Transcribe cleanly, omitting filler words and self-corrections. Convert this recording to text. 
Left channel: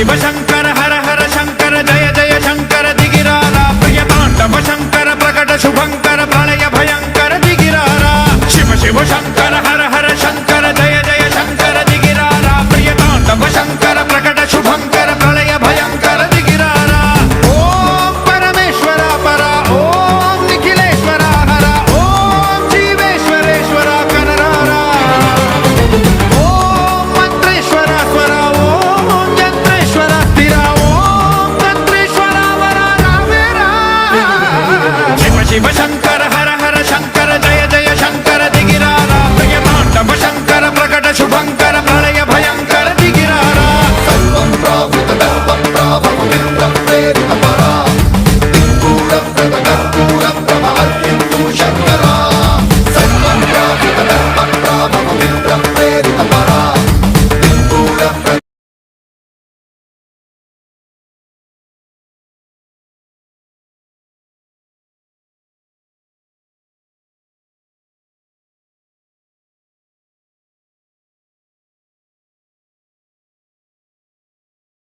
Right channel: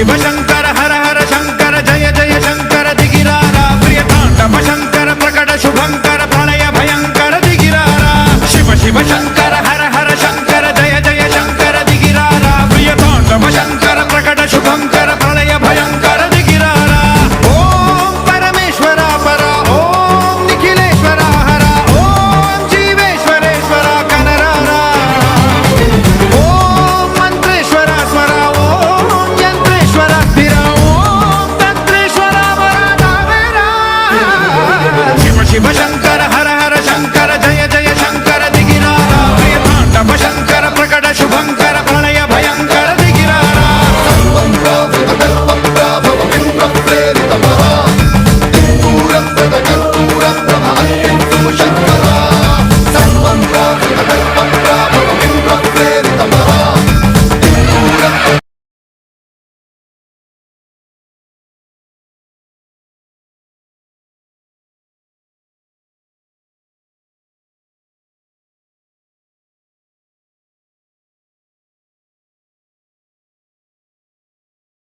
शिव शंकर हर हर शंकर जय जय शंकर दिगिरारा प्रिय तांडव शंकर प्रकट शुभंकर प्रलय भयंकर दिगिरारा शिव शिव शंकर